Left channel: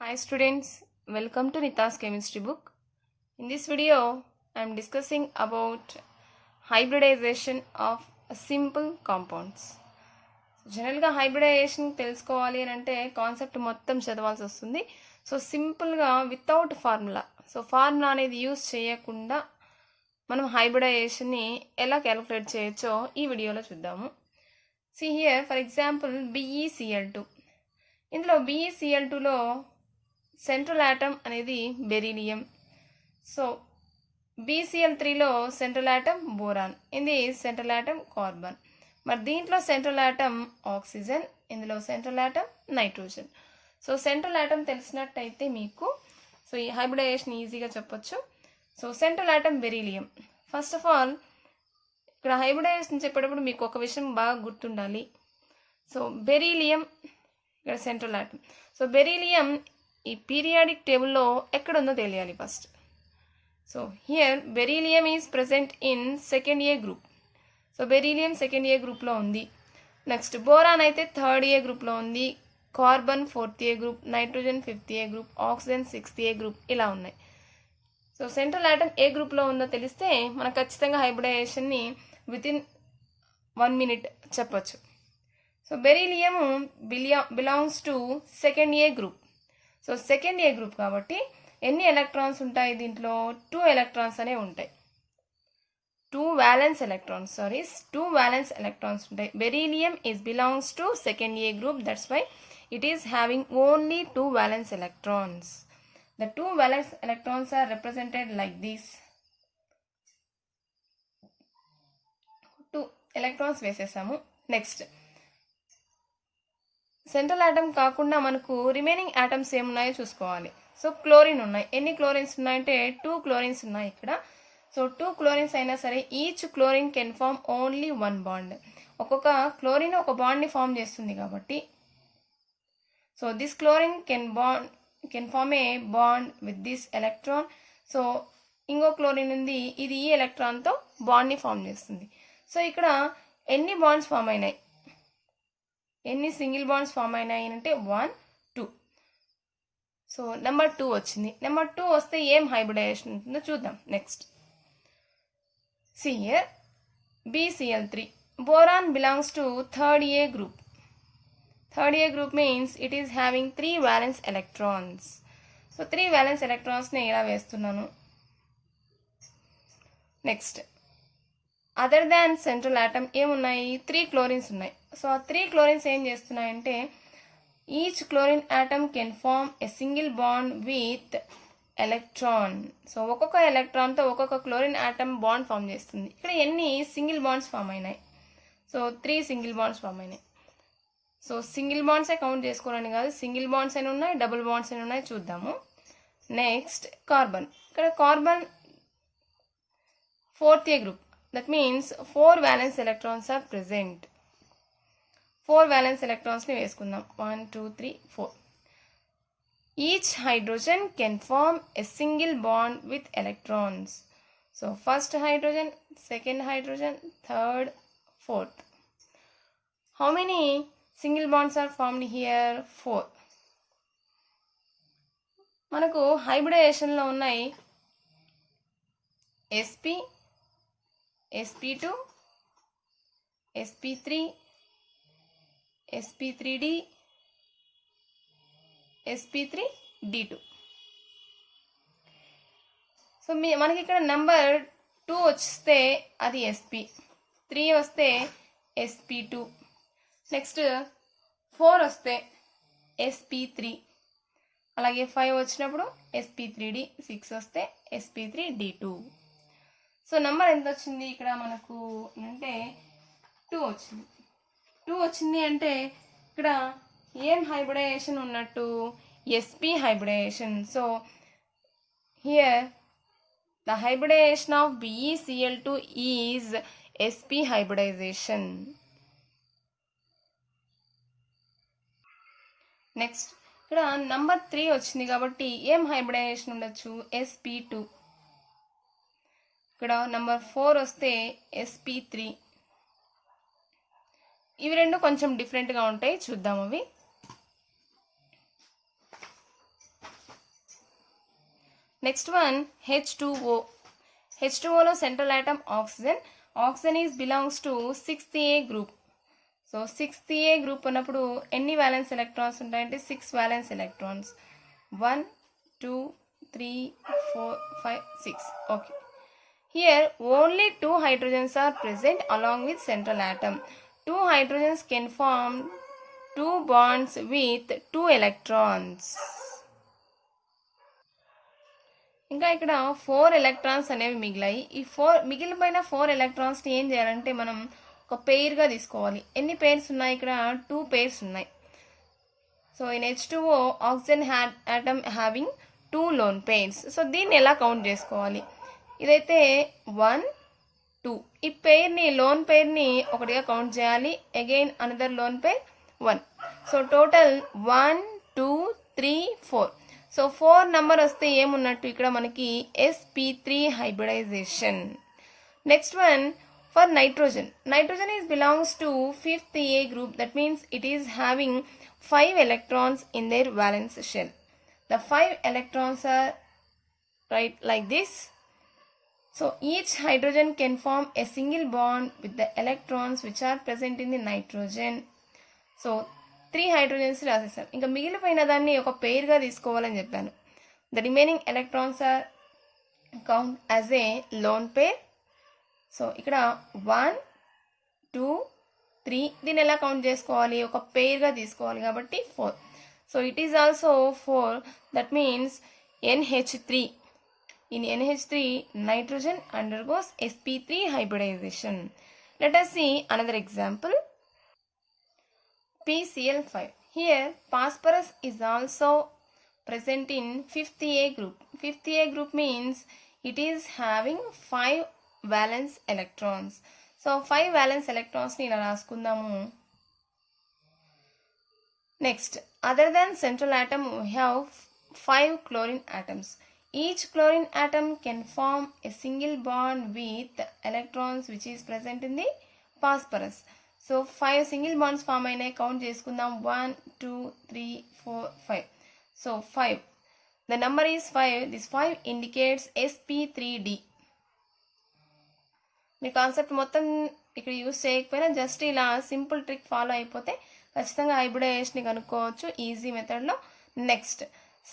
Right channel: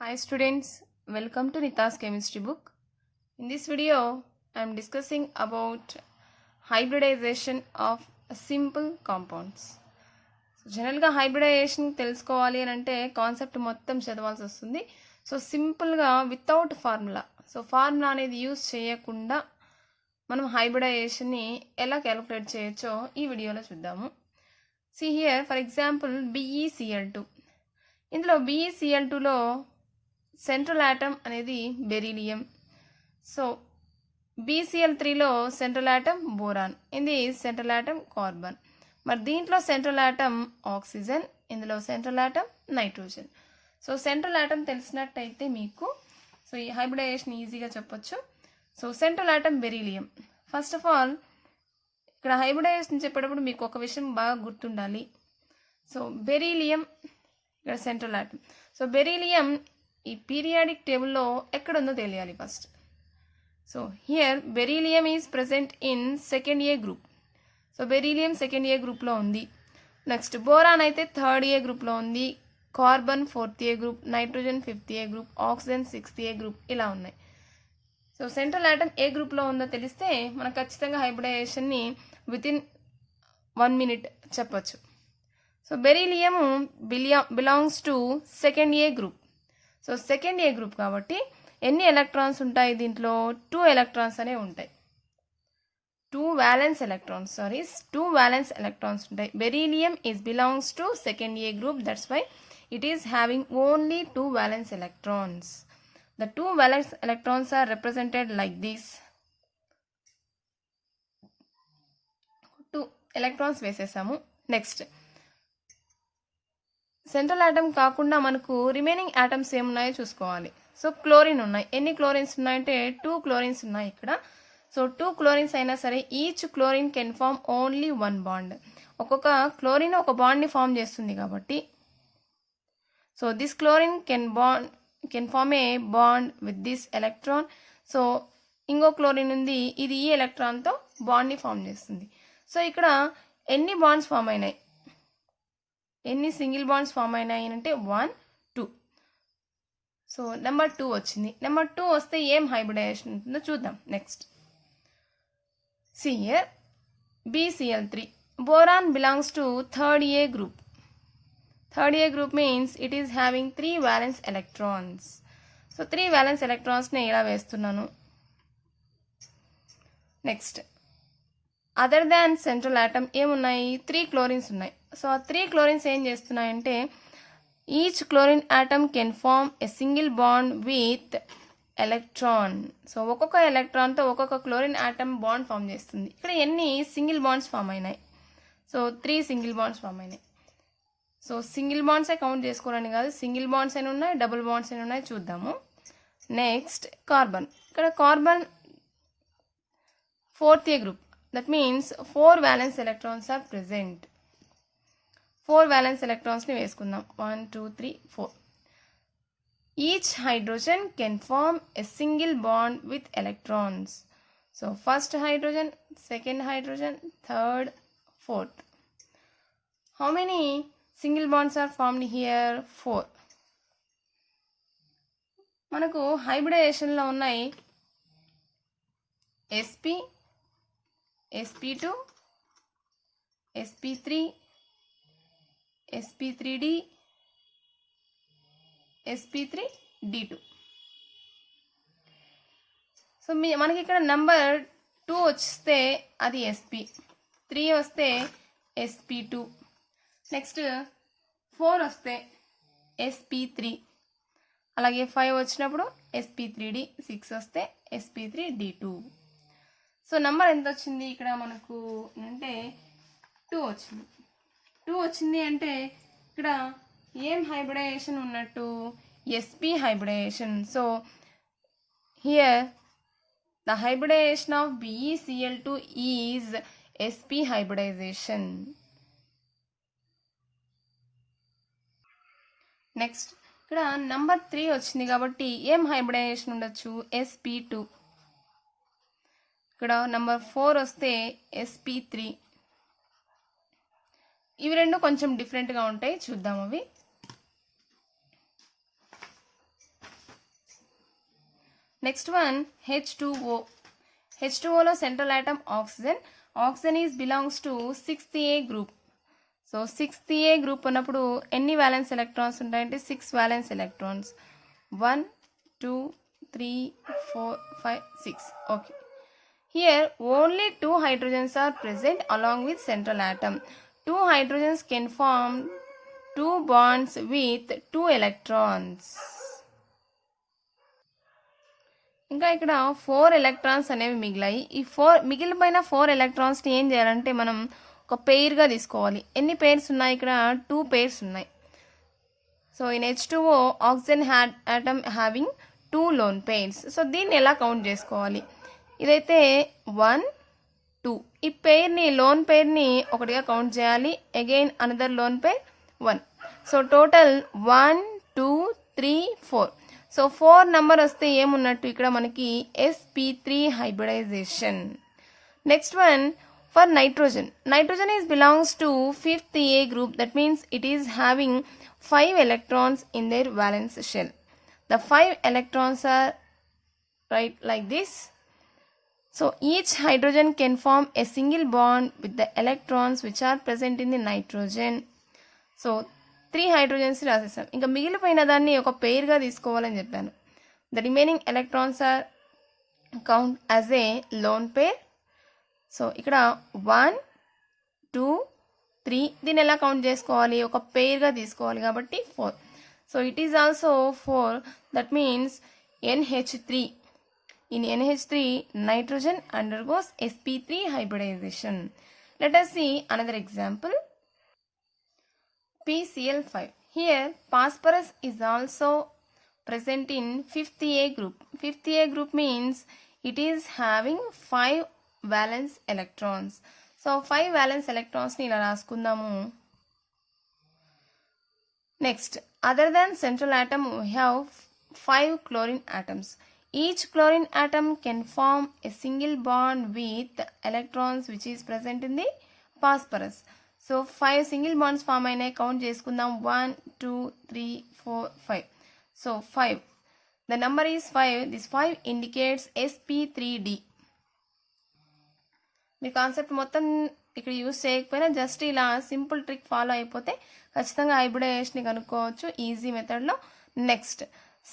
Hi students, welcome to Nita's chemistry book. In this video, I am discussing about hybridization of simple compounds. జనరల్గా hybridisation తెలుసుకోవాలి అని అంటే concept మొత్తం చదవాల్సి వస్తుంది. So సింపుల్గా వితౌట్ ఫార్ములా, సో ఫార్ములా అనేది use చేయకుండా మనం హైబ్రిడైజేషన్ని ఎలా క్యాలిక్యులేట్ చేయొచ్చో ఈ వీడియోలో చూద్దాము. See here, for example, BeCl2. ఇందులో BeCl2లో సెంట్రల్ ఆటమ్ అనేది బెరీలియం. సో BCl3లో సెంట్రల్ ఆటమ్ బోరాన్, ఇది సెంట్రల్ ఆటమ్ కార్బన్. మరి దీంట్లో సెంట్రల్ ఆటమ్ ఆక్సిజన్, ఇందులో central atom nitrogen. So central atom తెలిసినట్టయితే మీకు సో ఈ హైబ్రిడైజేషన్ ఈజీగా చెప్పొచ్చు. So central atom beryllium. First of all ఇక్కడ హైబ్రిడైజేషన్ చెప్పేటప్పుడు మీకు ఒక విషయం బాగా గుర్తుండాలి. సో బెరీలియం ఇక్కడ సెంట్రల్ ఆటమ్. సో బెరీలియం ఈ పీరియాడిక్ టేబుల్లో ఎక్కడుందో తెలియాలి first. So here beryllium is present in second A group. So beryllium second A గ్రూప్లో ఉంది. నెక్స్ట్ బోరాన్ అయితే థర్డ్ ఏ గ్రూప్లో ఉంది, carbon fourth A group, nitrogen fifth A group, oxygen sixth A group, ఇలా ఉన్నాయి. సో సెంట్రల్ ఆటమ్ ఏ గ్రూప్లో ఉందో తెలిస్తే మనకు ఖచ్చితంగా హైబ్రిడైజేషన్ని వితిన్ 1 minute చెప్పొచ్చు. So beryllium belongs to second A group. So second A group కాబట్టి ఎన్ని ఎలక్ట్రాన్స్ ఉంటాయి దీంట్లో? 2 ఎలక్ట్రాన్స్ అనేవి ఉంటాయి. 2 valence electrons ఉంటాయి. Beryllium is belongs to second A group, that's why it is having only 2 valence electrons. The 2 valence electrons are represented like this. 2 electrons వేసేసాము. Next central atom కాకుండా మనకు రిమైనింగ్ ఆటమ్స్ ఏమున్నాయో చూసుకోవాలి. So chlorine ఉన్నాయి. ఎన్ని chlorines ఉన్నాయంటే 2 chlorines ఉన్నాయి ఇక్కడ. సో 2 క్లోరిన్స్ అయినా సరే each chlorine can form only 1 bond. ఒక్కొక్క క్లోరిన్ ఒక బాండ్ని ఫామ్ చేస్తుంది కాబట్టి so this chlorine can form a bond with this electron. So ఇంకో క్లోరిన్ ఉంది, ఇది ఈ ఎలక్ట్రాన్తో బాండ్ని ఫామ్ చేస్తుంది. సో ఇక్కడ ఎన్ని బాండ్స్ ఫామ్ అయినాయి, ఎన్ని సింగిల్ బాండ్స్ ఫామ్ అయినాయి అంటే 1, 2. సో నెంబర్ 2 వచ్చింది. నెంబర్ 2 వస్తే ఏం హైబ్రిడైజేషన్ ఉంటుందో చూద్దాం. Next see here BCl3. Boron belongs to third A group. Third A group means it is having 3 valence electrons. So 3 valence electrons ని ఇలా వేస్తున్నాను. Next other than central atom ఏమున్నాయి? 3 chlorines ఉన్నాయి. సో ఆ 3 క్లోరిన్స్ ఏం చేస్తున్నాయంటే each chlorine atom can form a single bond with electron. So ఒక్కొక్క ఎలక్ట్రాన్తో ఒక్కొక్క క్లోరిన్ ఆటమ్ బాండ్ ఫామ్ చేస్తుంది. ఇక్కడ ఎన్ని సింగిల్ బాండ్స్ ఫామ్ అయినాయి? సో 3 సింగిల్ బాండ్స్ ఫామ్ అయినాయి. సో సింగిల్ బాండ్సే కౌంట్ చేసుకోవాలని కాదు, సింగిల్ బాండ్స్ అని ఉన్నాయి, డబుల్ బాండ్స్ అని ఉన్నాయి, చూద్దాము. Next carbon. ఇక్కడ carbon fourth A group. That means 4 valence electrons are present. 4 valence electrons ని వేసుకుందాం. 1, 2, 3, 4. Each hydrogen can form a single bond with electrons. So first hydrogen, second hydrogen, third, fourth. How many single bonds are formed here? 4. మనకు హైబ్రిడైజేషన్లో ఉన్నాయి sp, sp2, sp3, sp3d, sp3d2. So మనకి ఇక్కడ number 2 వస్తే అది sp, 3 వస్తే sp2, next 4 వస్తే sp3, అలాగే 5 వచ్చినప్పుడు sp3d, 6 వస్తే sp3d2. సో నెంబర్ ఎంత వచ్చింది ఇక్కడ మనకు అంటే 2 వచ్చింది. 2 వచ్చింది అంటే ఇక్కడ ఏం హైబ్రిడైజేషన్ ఉన్నట్టు? sp hybridization. So here the hybridization of BeCl2 is sp hybridization. Next ఇక్కడ నెంబర్ 3 వచ్చింది కాబట్టి ఏం హైబ్రిడైజేషన్ ఉండొచ్చు? sp2. ఇక్కడ నెంబర్ 4 వస్తే sp3. ఇవి రెండు కొంచెం డిఫరెంట్గా ఉంటాయి, చూద్దాం అవి. Next one, H2O. H2O లో central atom oxygen. Oxygen is belongs to 6th A group. So 6th A group ఉన్నప్పుడు ఎన్ని valence electrons ఉంటాయంటే 6 valence electrons. 1, 2, 3, 4, 5, 6. Okay. Here only 2 hydrogens are present along with central atom. 2 hydrogens can form 2 bonds with 2 electrons. ఇంకా ఇక్కడ 4 electrons అనేవి మిగిలాయి. ఈ మిగిలిపోయిన 4 ఎలక్ట్రాన్స్ని ఏం చేయాలంటే మనం ఒక పెయిర్గా తీసుకోవాలి. ఎన్ని పెయిర్స్ ఉన్నాయి ఇక్కడ? 2 పెయిర్స్ ఉన్నాయి. So in H2O oxygen atom having 2 loan pairs. So దీన్ని ఎలా కౌంట్ చేసుకోవాలి? ఇదైతే 1, 2. ఈ పెయిర్ని లోన్ పెయిర్ని ఒకటిగా కౌంట్ చేయాలి. Again another loan pair 1. So total 1, 2, 3, 4. So 4 number వస్తే ఏమున్నట్టు ఇక్కడ మనకి sp3 hybridization. Next one for nitrogen. Nitrogen is belongs to 5th A group. That means it is having 5 electrons in their valence shell. The 5 electrons are right like this. So each hydrogen can form a single bond with the electrons which are present in the nitrogen. So 3 hydrogens రాసేసాం. ఇంకా మిగిలిపోయిన దాన్ని ఒక పెయిర్గా తీసుకోవాలని చెప్పాను. The remaining electrons are count as a lone pair. So ఇక్కడ 1, 2, 3. దీన్ని ఎలా కౌంట్ చేసుకోవాలి? ఒక పెయిర్గా తీసుకోవాలి కాబట్టి 4. So it is also 4. That means NH3. In NH3, nitrogen undergoes sp3 hybridization. Let us see another example. PCl5. Here phosphorus is also present in 5th A group. 5th A group means it is having 5 valence electrons. So 5 valence electrons ni ila raskundamu. Next, other than central atom we have 5 chlorine atoms. Each chlorine atom can form a single bond with electrons which is present in the phosphorus. So 5 single bonds form అయినాయి. Count చేసుకుందాం. 1, 2, 3, 4, 5. So 5. The number is 5. This 5 indicates sp3d. Me concept మొత్తం ఇక్కడ use చేయకపోయినా just ఇలా simple trick follow అయిపోతే ఖచ్చితంగా hybridisation కనుక్కోవచ్చు easy మెథడ్లో. Next,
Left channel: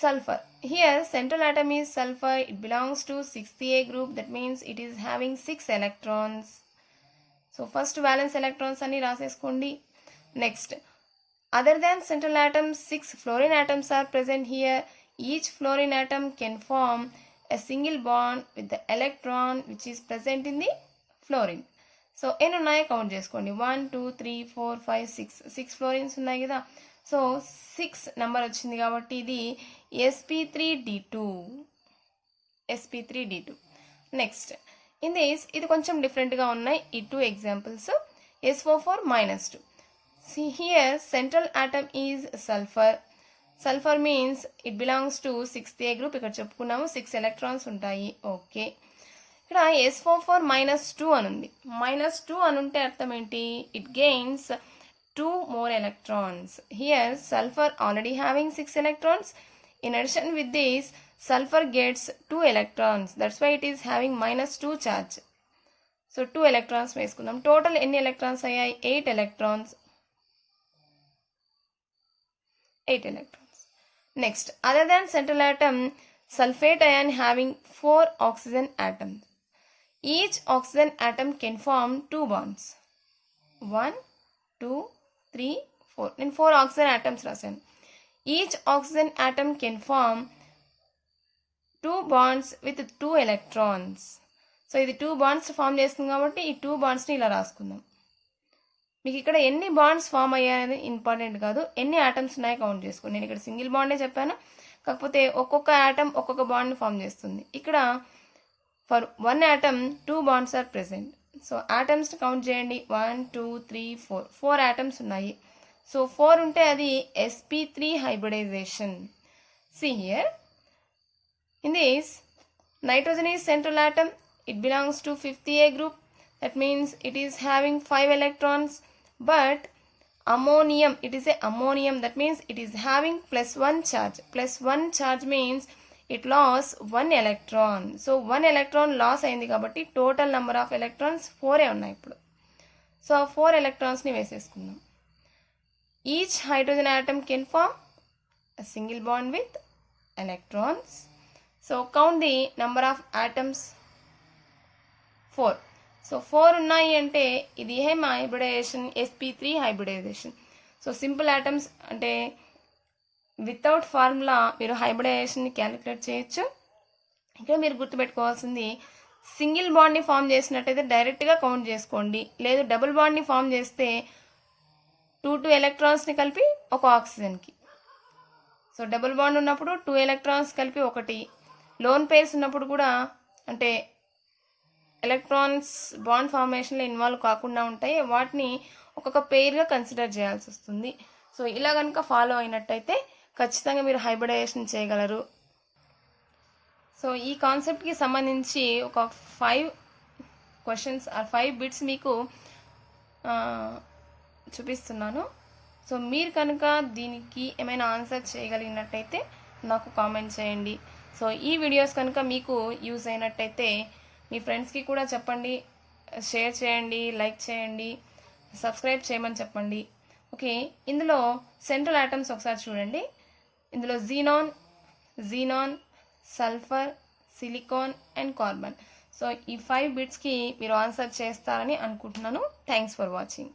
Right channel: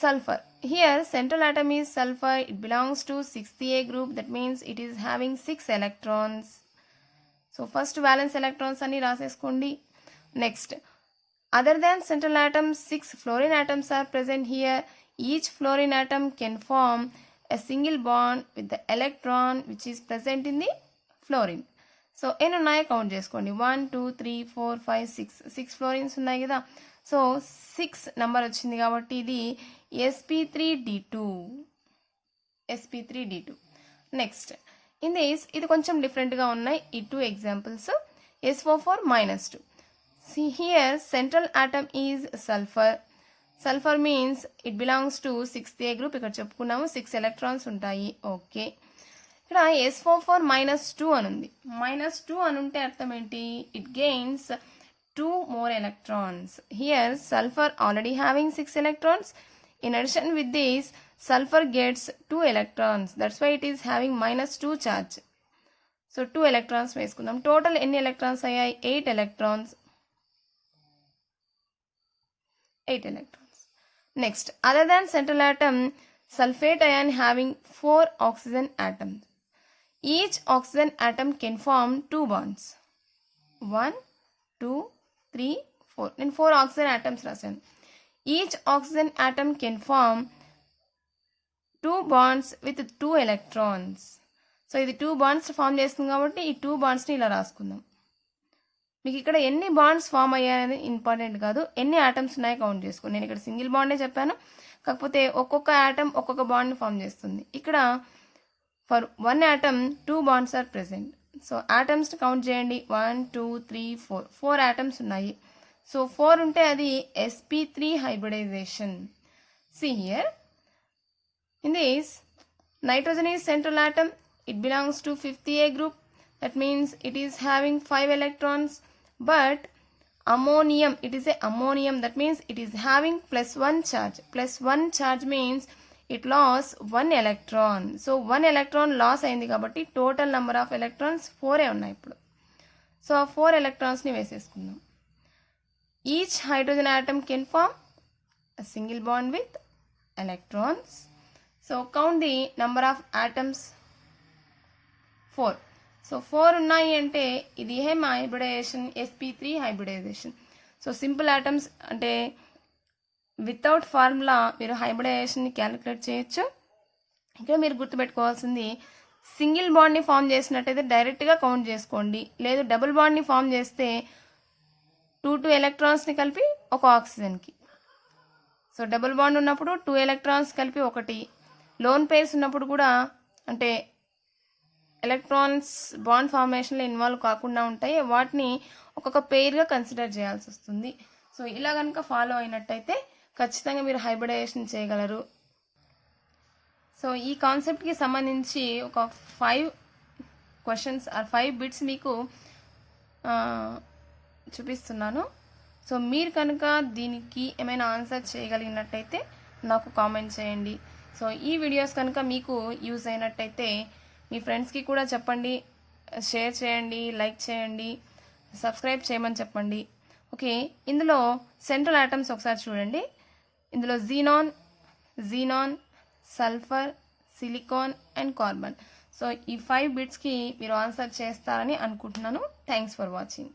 sulfur. Here central atom is sulfur. It belongs to 6th A group. That means it is having 6 electrons. So first valence electrons ani raseskondi. Next, other than central atom 6 fluorine atoms are present here. Each fluorine atom can form a single bond with the electron which is present in the fluorine. So ఎన్ని ఉన్నాయో count చేసుకోండి. 1, 2, 3, 4, 5, 6. 6 ఫ్లోరిన్స్ ఉన్నాయి కదా. So 6 number వచ్చింది కాబట్టి ఇది sp3d2. sp3d2. Next, in this ఇది కొంచెం డిఫరెంట్గా ఉన్నాయి ఈ 2 examples. SO4 -2. See here central atom is sulfur. Sulfur means it belongs to 6th A group. ఇక్కడ చెప్పుకున్నాము 6 ఎలక్ట్రాన్స్ ఉంటాయి. ఓకే, ఇక్కడ SO4 -2 అని ఉంది. -2 అని ఉంటే అర్థం ఏంటి? It gains 2 more electrons. Here sulfur already having 6 electrons. In addition with this, sulfur gets 2 electrons. That's why it is having -2 charge. So 2 electrons వేసుకుందాం. టోటల్ ఎన్ని ఎలక్ట్రాన్స్ అయ్యాయి? 8 electrons. 8 electrons. Next, other than central atom, sulfate ion having 4 oxygen atoms. Each oxygen atom can form 2 bonds. 1, 2, 3, 4. నేను 4 oxygen atoms రాశాను. Each oxygen atom can form 2 bonds with 2 electrons. So ఇది 2 bonds form చేస్తుంది కాబట్టి ఈ 2 బాండ్స్ని ఇలా రాసుకుందాం. మీకు ఇక్కడ ఎన్ని బాండ్స్ ఫామ్ అయ్యాయనేది ఇంపార్టెంట్ కాదు, ఎన్ని ఆటమ్స్ ఉన్నాయో కౌంట్ చేసుకోండి. నేను ఇక్కడ సింగిల్ బాండే చెప్పాను, కాకపోతే ఒక్కొక్క ఆటమ్ ఒక్కొక్క బాండ్ని ఫామ్ చేస్తుంది. ఇక్కడ for 1 atom 2 bonds are present. So atoms count చేయండి. 1, 2, 3, 4. 4 ఆటమ్స్ ఉన్నాయి. సో 4 ఉంటే అది sp3 hybridization. See here, in this nitrogen is central atom. It belongs to 5th A group. That means it is having 5 electrons. But ammonium, it is a ammonium. That means it is having +1 charge. +1 charge means it loss 1 electron. So 1 electron loss అయింది కాబట్టి total number of electrons 4 ఉన్నాయి ఇప్పుడు. So ఆ 4 ఎలక్ట్రాన్స్ని వేసేసుకుందాం. Each hydrogen atom can form a single bond with electrons. So count the number of atoms. 4. So 4 ఉన్నాయి అంటే ఇది ఏం hybridization? sp3 hybridization. So simple atoms అంటే వితౌట్ ఫార్ములా మీరు హైబ్రిడైజేషన్ని క్యాలిక్యులేట్ చేయొచ్చు. ఇక్కడ మీరు గుర్తుపెట్టుకోవాల్సింది, సింగిల్ బాండ్ని ఫామ్ చేసినట్టయితే డైరెక్ట్గా కౌంట్ చేసుకోండి. లేదు డబుల్ బాండ్ని ఫామ్ చేస్తే 2 ఎలక్ట్రాన్స్ని కలిపి ఒక ఆక్సిజన్కి. సో డబుల్ బాండ్ ఉన్నప్పుడు 2 ఎలక్ట్రాన్స్ కలిపి 1. లోన్ పేర్స్ ఉన్నప్పుడు కూడా అంటే ఎలక్ట్రాన్స్ బాండ్ ఫార్మేషన్లో ఇన్వాల్వ్ కాకుండా ఉంటాయి, వాటిని ఒక్కొక్క పెయిర్గా కన్సిడర్ చేయాల్సి వస్తుంది. సో ఇలా కనుక ఫాలో అయినట్టయితే ఖచ్చితంగా మీరు హైబ్రిడైజేషన్ చేయగలరు. సో ఈ కాన్సెప్ట్కి సంబంధించి ఒక 5 క్వశ్చన్స్ ఆర్ 5 బిట్స్ మీకు చూపిస్తున్నాను. సో మీరు కనుక దీనికి ఏమైనా ఆన్సర్ చేయగలిగినట్టయితే నాకు కామెంట్ చేయండి. సో ఈ వీడియోస్ కనుక మీకు యూజ్ అయినట్టయితే మీ ఫ్రెండ్స్కి కూడా చెప్పండి, షేర్ చేయండి, లైక్ చేయండి, సబ్స్క్రైబ్ చేయమని చెప్పండి. ఓకే, ఇందులో సెంట్రల్ ఆటమ్స్ ఒకసారి చూడండి. ఇందులో xenon, sulphur, silicon and carbon. So ఈ 5 బిట్స్కి మీరు ఆన్సర్ చేస్తారని అనుకుంటున్నాను. Thanks for watching.